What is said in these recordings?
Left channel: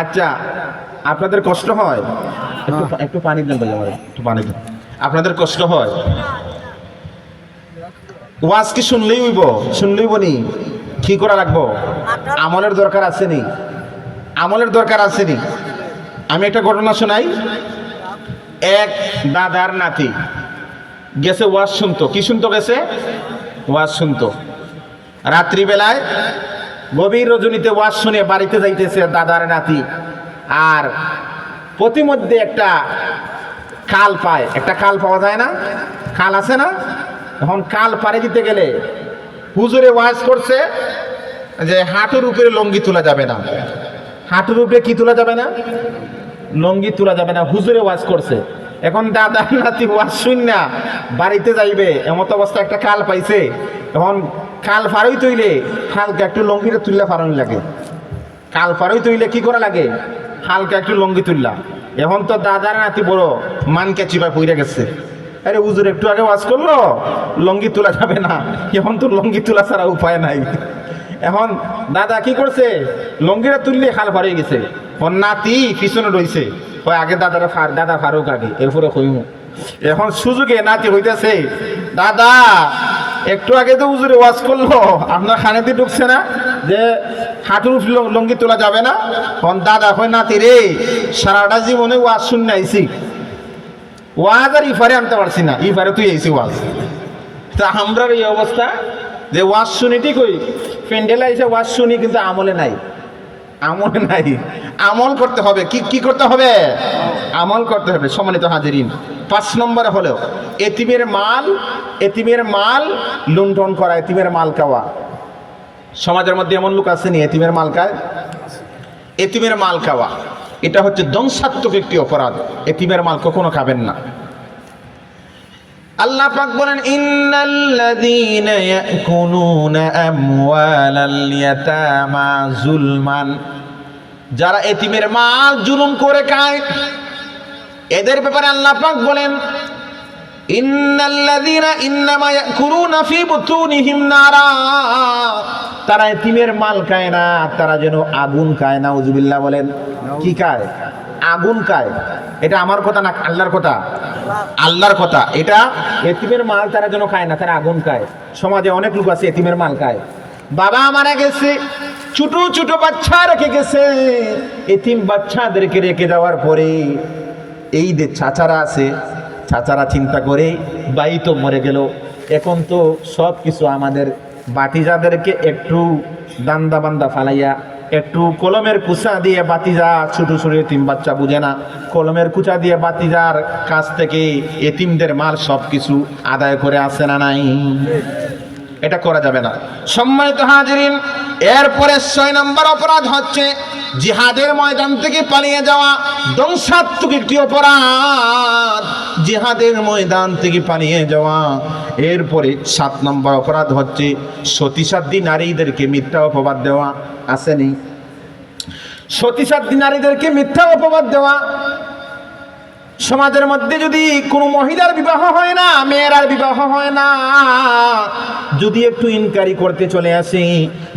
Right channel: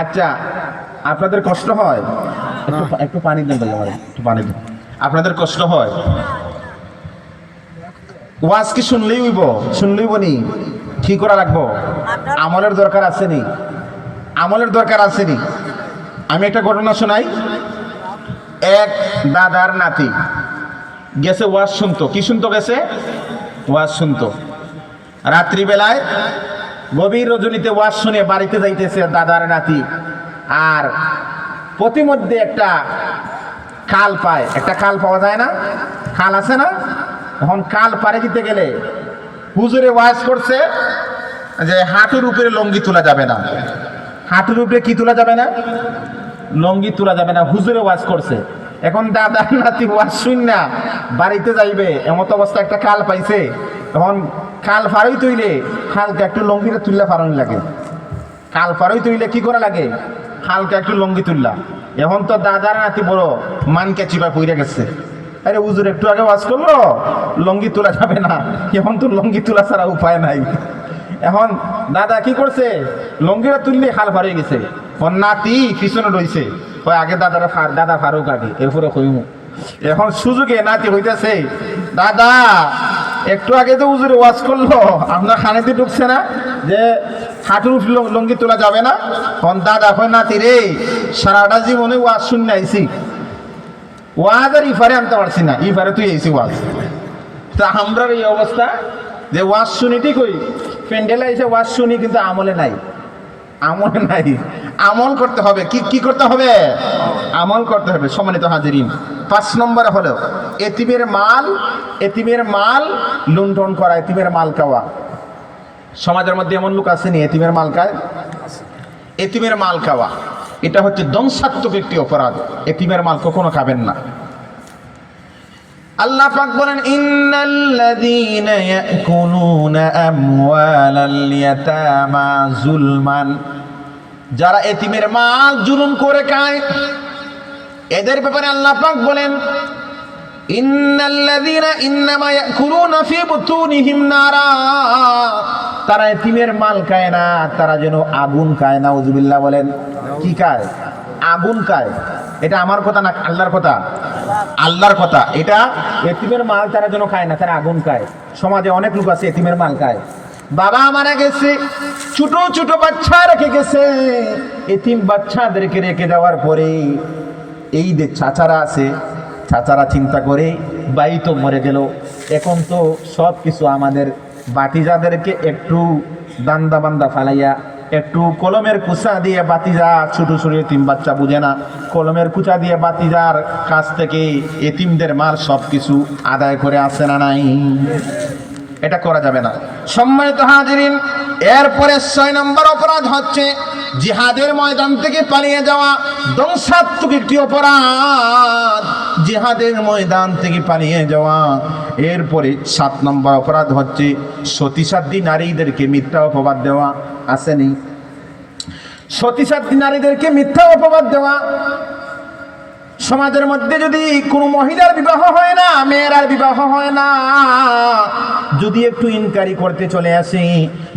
আচ্ছা, আপনাদের কষ্ট হয়? একটু পানি দেন ভাই, আমার একটু পানি দেন। আপনাদের কষ্ট হয়? ওয়াজ কি শুনলেই নি? কি করা লাগবো? আমলের দরকার আছে নি? আমলের দরকার আছে নি? আমি একটা ঘটনা শোনাই। এক দাদার নাতি গেছে ওয়াজ শুনতো। কি শুনতো গেছে? ওয়াজ শুনতো। রাত্রিবেলায় গভীর রজনীতে ওয়াজ শুনে বাড়িতে যাইতেছে দাদার নাতি, আর প্রতিমধ্যে একটা খাল পায়। একটা খাল পাওয়া যায় না? খাল আছে না? এখন খাল পাড়ে দিতে গেলে হুজুরে ওয়াজ করছে যে হাঁটুর উপরে লঙ্গি তোলা যাবে না। হাঁটুর উপরে কি তোলা যাবে না? লঙ্গি তোলা যাবে না। হুজুরে ওয়াজ করছে। এখন দাদার নাতি ওয়াজ শুন না বাড়িতে যাইবে, এমত অবস্থা একটা খাল পাইছে। তখন খাল ফারই তৈলে হালকা একটু লঙ্গিটা তুললে ফারানি লাগে। খাল ফারই তৈলে কি করা লাগে? হালকা একটু লঙ্গি তুললা। এখন তো দাদার নাতি বড় মানকে চিপা পইরা গেছে। আরে হুজুর একটু আগে ওয়াজ করলো লঙ্গি তোলা যাবে না, এখন তো লঙ্গি তোলা ছাড়া উপায় নাই। এখন দাদা কি করছে? লঙ্গিটা তুললে খাল ফারিয়ে গেছে। ওর নাতি পিছনে রয়েছে, ওই আগে দাদা ফারুক আগে, এরপরে কইমু। এখন সুযোগে নাতি হইতেছে, দাদা একটু আগে তো হুজুরে ওয়াজ করলো, আপনার খানেতে ঢুকছে না যে হাঁটুর লঙ্গি তোলা যাবে না? তখন দাদা কয়, নাতি রে সারাটা জীবনে ওয়াজ শুনে আইছি, ওয়াজ আর ইফারে আনতে পারছি না, ইফারে তুই আইসি ওয়াজ। তা আমরা এই অবস্থা যে ওয়াজ শুনি ঠিকই, প্যান্ডেলে এসে ওয়াজ শুনি, কিন্তু আমলে নাই। আমলে নাই। আমল করতে হবে। কি করতে হবে? আমল করতে হবে। সম্মানিত হাজিরিন, 5 নম্বর হলো এতিমের মাল লুণ্ঠন করা, এতিমের মাল খাওয়া। সমাজের মধ্যে এমন লোক আসেনি এতিমের মাল খায়? এতিমের মাল খাওয়া এটা হচ্ছে ধ্বংসাত্মক একটি অপরাধ। এতিমের মাল কখনো খাবেন না। আল্লাহ পাক বলেন, ইন্নাল্লাযীনা ইয়াকুলুনা আমওয়ালাল ইয়াতামা যুলমান, যারা এতিমের মাল জুলুম করে খায়, এদের ব্যাপারে আল্লাহ পাক বলেন, ইন্নাল্লাযীনা ইন্নামা ইয়াকুলুনা ফী বুতুনিহিম নারা, তারা এতিমের মাল খায় না, তারা যেন আগুন খায়। নাউযুবিল্লাহ বলেন। কি খায়? আগুন খায়। এটা আমার কথা না, আল্লাহর কথা। আল্লাহর কথা। এটা এতিমের মাল তারা যেন খায় না, তারা আগুন খায়। সমাজে অনেক লোক আছে এতিমের মাল খায়। বাবা মারা গেছে, ছোট ছোট বাচ্চা রেখে গেছে, এতিম বাচ্চাদেরকে রেখে যাওয়ার পরে এই যে চাচারা আছে, চাচারা চিন্তা করে বাই তো মরে গেল, এখন তো সব কিছু আমাদের বাতিজাদেরকে একটু দান্দা বান্দা ফালাইয়া, একটু কলমের কুচা দিয়ে বাতিজা, ছোট ছোট এতিম বাচ্চা বুঝে না, কলমের কুচা দিয়ে বাতিজার কাছ থেকে এতিমদের মাল সব কিছু আদায় করে আসে না নাই? এটা করা যাবে না। সম্মানিত হাজিরিন, এরপরে 6 নম্বর অপরাধ হচ্ছে জিহাদের ময়দান থেকে পালিয়ে যাওয়া। ধ্বংসাত্মক একটি অপরাধ জিহাদের ময়দান থেকে পালিয়ে যাওয়া। এরপরে 7 নম্বর অপরাধ হচ্ছে সতীসাধ্যী নারীদেরকে মিথ্যা অপবাদ দেওয়া। আসেনি? সতীসাধ্যী নারীদেরকে মিথ্যা অপবাদ দেওয়া। সমাজের মধ্যে যদি কোনো মহিলার বিবাহ হয় না, মেয়েরার বিবাহ হয় না, যদি একটু ইনকোয়ারি করতে চলে আসে,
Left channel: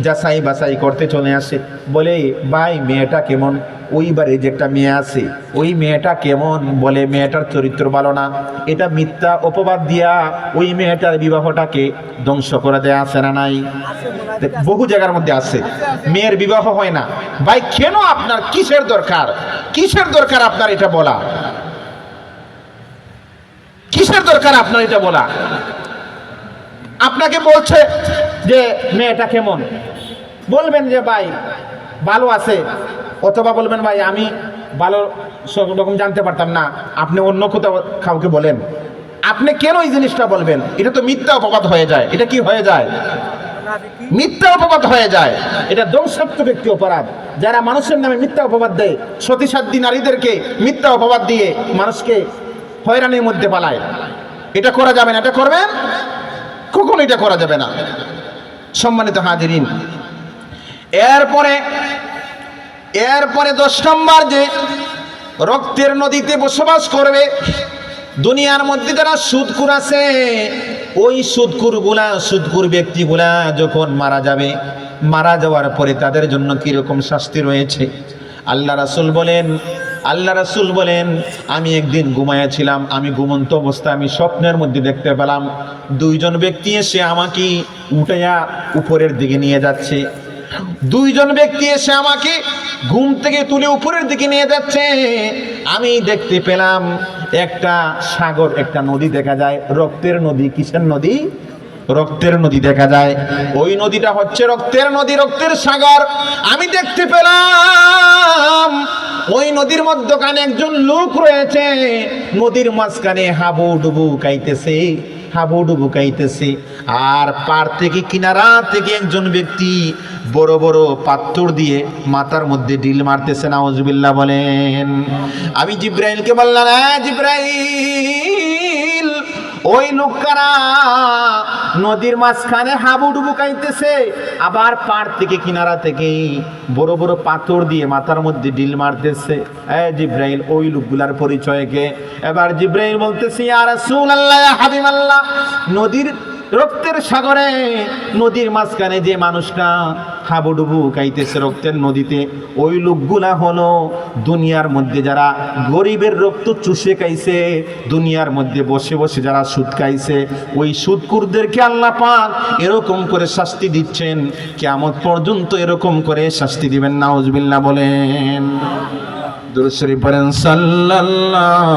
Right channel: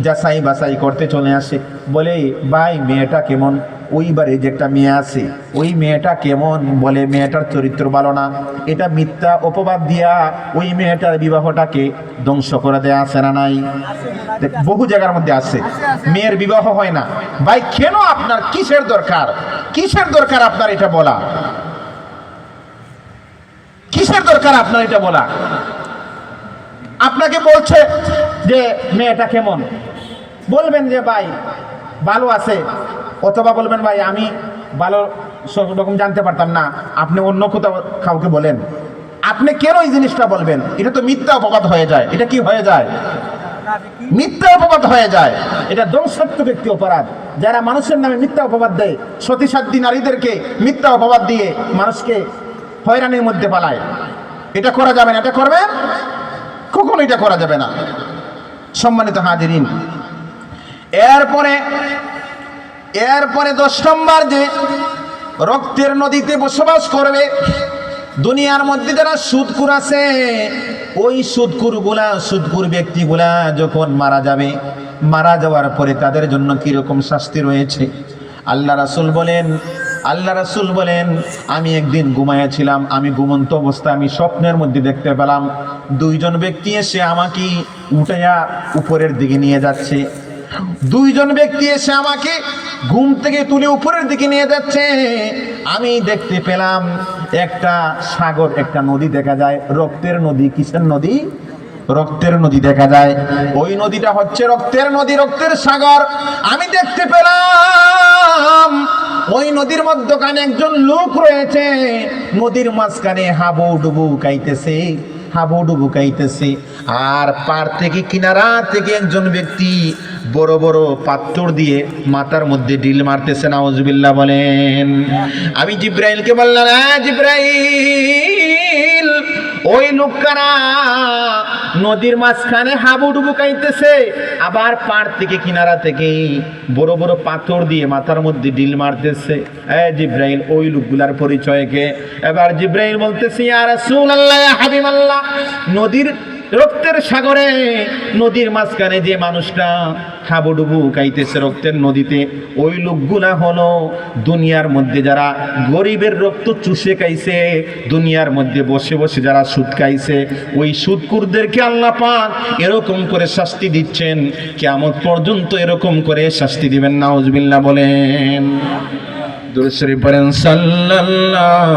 যাচাই বাছাই করতে চলে আসে, বলে ভাই মেয়েটা কেমন, ওইবারে যে একটা মেয়ে আছে ওই মেয়েটা কেমন, বলে মেয়েটার চরিত্র ভালো না, এটা মিথ্যা অপবাদ দিয়া ওই মেয়েটার বিবাহটাকে ধ্বংস করে দেয়া আছে না নাই? বহু জায়গার মধ্যে আছে। মেয়ের বিবাহ হয় না, ভাই কেন? আপনার কিসের দরকার আপনার এটা বলা? কিসের দরকার আপনার এটা বলা? আপনাকে বলছে যে মেয়েটা কেমন, বলবেন যে ভাই ভালো আছে, অথবা বলবেন ভাই আমি ভালো সব রকম জানতে পারতাম না, আপনি অন্য কোথাও কাউকে বলেন। আপনি কেন এই জিনিসটা বলবেন? এটা তো মিথ্যা অপবাদ হয়ে যায়। এটা কি হয়ে যায়? মিথ্যা অপবাদ হয়ে যায়। এটা ধ্বংসাত্মক একটি অপরাধ। যারা মানুষের নামে মিথ্যা অপবাদ দেয়, সতীসাধ্যী নারীদেরকে মিথ্যা অপবাদ দিয়ে মানুষকে হয়রানির মধ্যে পালায়, এটা করা যাবে না। এটা করবেন কখনো, এটা করা যাবে না। সম্মানিত হাজিরিন, এরপরে 10 নম্বর যে রক্তের নদীতে বসবাস করবে। দুনিয়ার মধ্যে যারা সুদখোর আছে, ওই সুদখোর ব্যক্তিগুলা যখন মারা যাবে, মারা যাওয়ার পরে তাদের জন্য কিরকম শাস্তি রয়েছে আল্লাহ রাসূল বলেন আমি একদিন ঘুমায়াছিলাম, আমি ঘুমন্ত অবস্থায় আমি স্বপ্নের মধ্যে দেখতে পেলাম দুইজন ব্যক্তি এসে আমাকে উঠাইয়া উপরের দিকে নিয়ে যাচ্ছে। দুইজন ব্যক্তি এসে আমাকে ঘুম থেকে তুলে উপরের দিকে নিয়ে যাচ্ছে। আমি দেখতে পেলাম একটা সাগর, একটা নদী দেখা যায়, রক্তের নদী। কিসের নদী? রক্তের নদী দেখা যায়। ওই নদীটা হচ্ছে রক্তের নদী, রক্তের সাগর। আমি দেখতে পেলাম ওই নদীর মধ্যখানে একজন লোক রয়েছে, নদীর মাঝখানে হাবুডুবু খাইতেছে। আর পার থেকে কিনারা থেকে একজন ব্যক্তি বড় বড় পাথর দিয়ে মাথার মধ্যে ডিল মারতেছে। নাউজুবিল্লাহ বলেন। আমি জিব্রাইলকে বললাম, জিব্রাইল, ওই লোকরা নদীর মাঝখানে হাবুডুবু খাইতেছে, আবার পার থেকে কিনারা থেকে বড় বড় পাথর দিয়ে মাথার মধ্যে ডিল মারতেছে। জিব্রাইল, ওই লোকগুলার পরিচয় কে? এবার জিব্রাইল বলতেছে, ইয়া রাসূলুল্লাহ, ইয়া হাবিবাল্লাহ, নদীর রক্তের সাগরে নদীর মাঝখানে যে মানুষটা হাবুডুবু খাইতেছে রক্তের নদীতে, ওই লোকগুলা হলো দুনিয়ার মধ্যে যারা গরিবের রক্ত চুষে খাইছে, দুনিয়ার মধ্যে বসে বসে যারা সুদ খাইছে, ওই সুদখোরদেরকে আল্লাহ পাক এরকম করে শাস্তি দিচ্ছেন, কিয়ামত পর্যন্ত এরকম করে শাস্তি দিবেন। নাউজুবিল্লাহ বলেন। দুরূদ শরীফ পড়েন। সাল্লাল্লাহু